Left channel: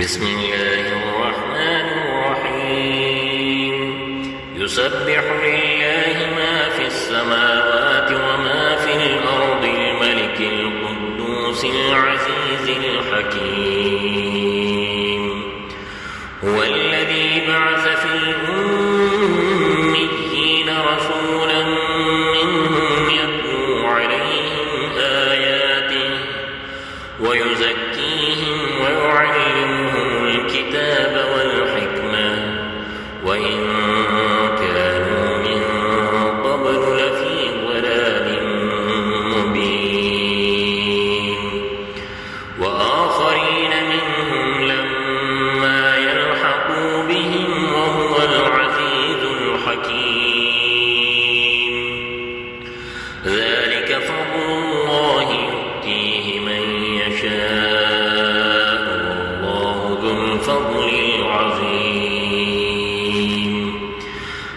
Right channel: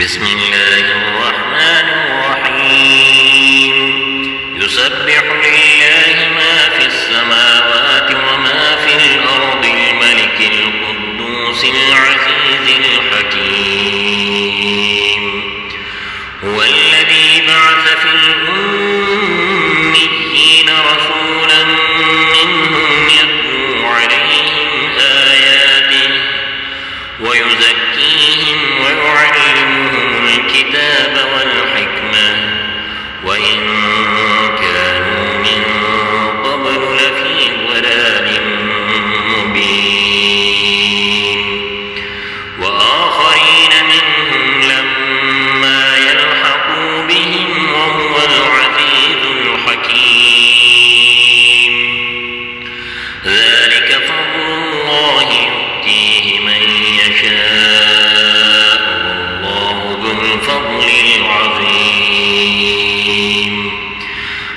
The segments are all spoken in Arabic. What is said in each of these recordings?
بسم الله الرحمن الرحيم يسبح لله ما في السماوات وما في الأرض الملك القدوس العزيز الحكيم هو الذي بعث في الأميين رسولا منهم يتلو عليهم آياته ويزكيهم ويعلمهم الكتاب والحكمة وإن كانوا من قبل لفي ضلال مبين وآخرين منهم لما يلحقوا بهم وهو العزيز الحكيم ذلك فضل الله يؤتيه من يشاء والله ذو الفضل العظيم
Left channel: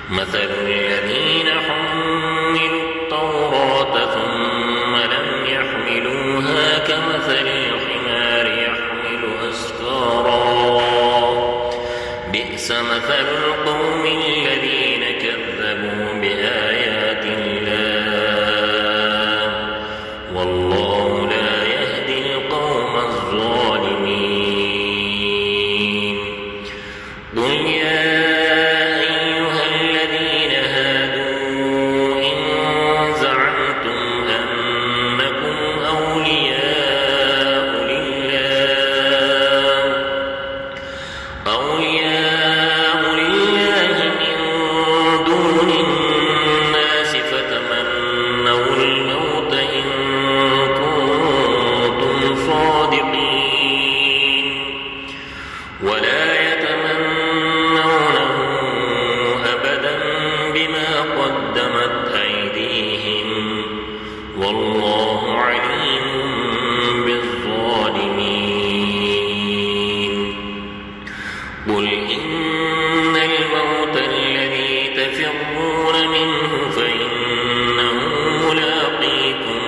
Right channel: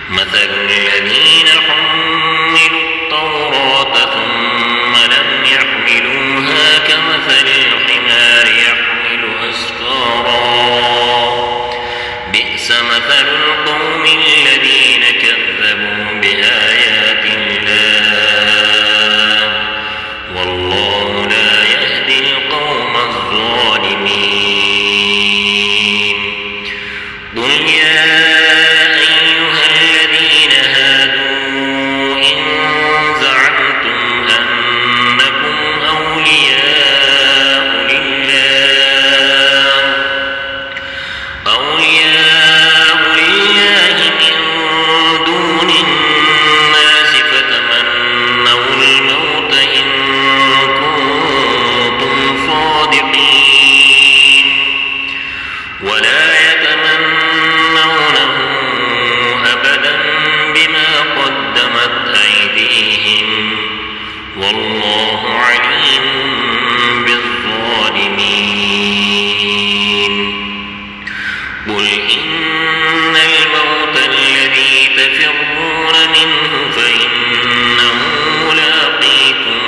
مثل الذين حملوا التوراة ثم لم يحملوها كمثل الحمار يحمل أسفارا بئس مثل القوم الذين كذبوا بآيات الله والله لا يهدي القوم الظالمين قل يا أيها الذين هادوا إن زعمتم أنكم أولياء لله من دون الناس فتمنوا الموت إن كنتم صادقين ولا يتمنونه أبدا بما قدمت أيديهم والله عليم بالظالمين قل إن الموت الذي تفرون منه فإنه ملاقيكم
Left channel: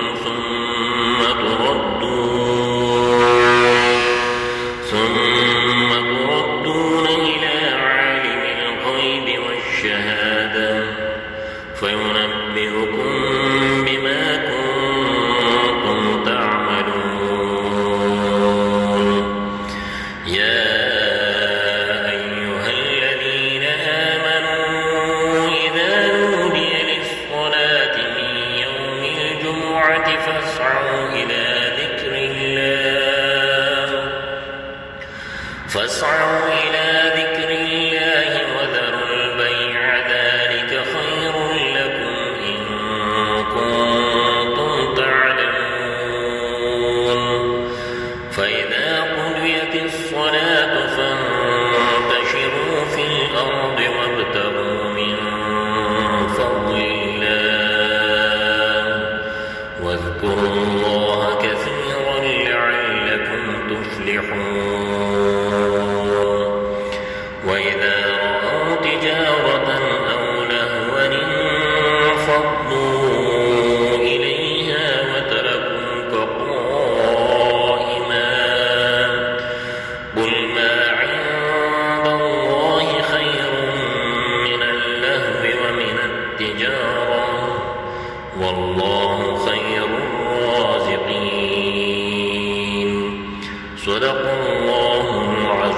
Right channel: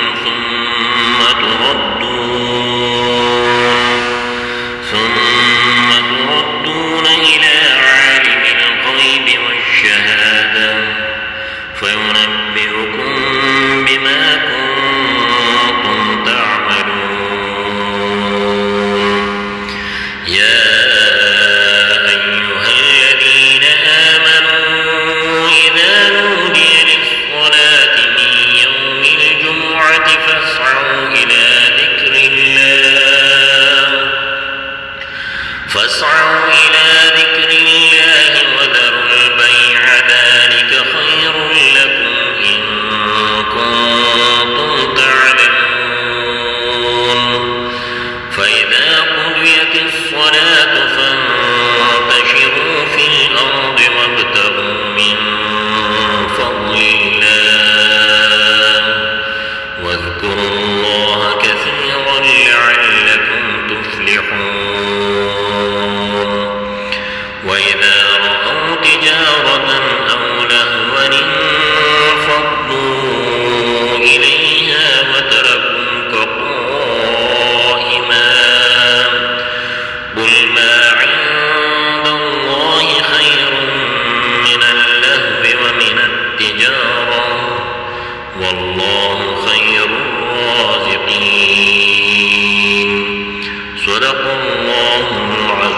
ثم تردون إلى عالم الغيب والشهادة فينبئكم بما كنتم تعملون يا أيها الذين آمنوا إذا نودي للصلاة من يوم الجمعة فاسعوا إلى ذكر الله وذروا البيع ذلك خير لكم إن كنتم تعلمون فإذا قضيت الصلاة فانتشروا في الأرض وابتغوا من فضل الله واذكروا الله كثيرا لعلكم تفلحون وإذا رأوا تجارة أو لهوا انفضوا إليها وتركوك قائما قل ما عند الله خير من اللهو ومن التجارة والله خير الرازقين صدق الله العظيم.